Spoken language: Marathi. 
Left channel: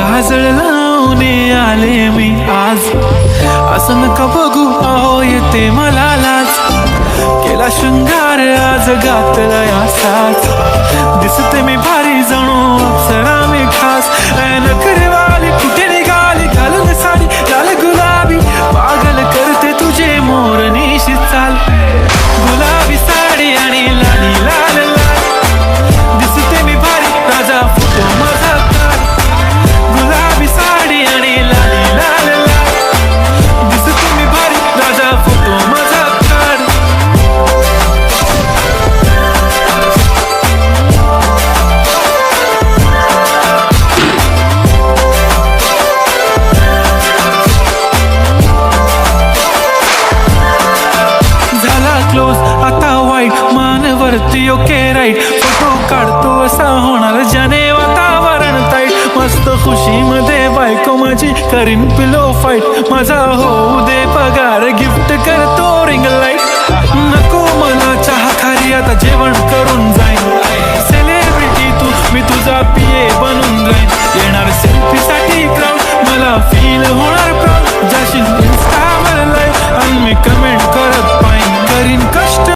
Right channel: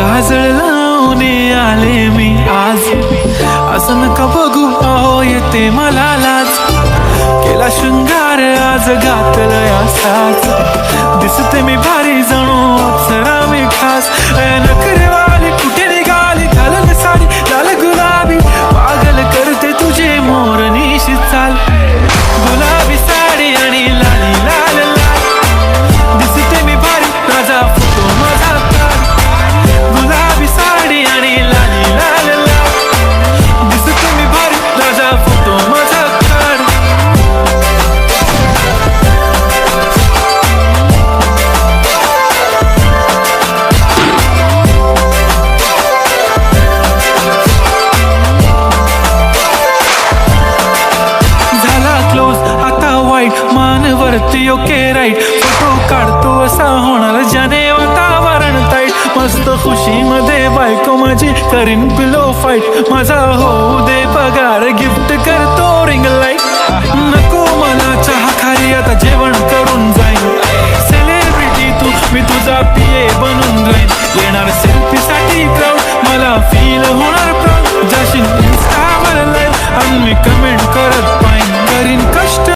काजळ लावून आले मी आज, असं नका बघू अहो येते मला लाज. केला शृंगार आज घातलंय असाच, दिसते मी भारी जणू अप्सरा मी खास. नखरेवाली कुठे निघाली घालून साडी लाल गुलाबी, पागल करते तुझे मोरनीशी चाल. गुलाबी साडी आणि लाली लाल लाल, दिसते मी भारी राजा फोटो माझा काढ. गुलाबी साडी आणि लाली लाल लाल, दिसते मी भारी राजा फोटो माझा काढ. झाला क्लोज आता वाईट, मानवरती ओके राईट. फोटो काढतो असा होणार ज्याने वातावरण ताईट. मस्त खुशी मध्ये बायको माझी करीन पिलो फाईट. माझा होऊ दे पगार गिफ्ट करतो रिंग लाईट. नको मला चहा खारी आता जेवण करून जाईन. सेलिब्रिटी तू मी तुझा पिये बनून राहीन. येणार सेल्फी साठी क्राऊड मला फील होणार प्राऊड. जाशील इन्स्टावर लाईव्ह आणि मी कमेंट करत पाईन. करीन कष्ट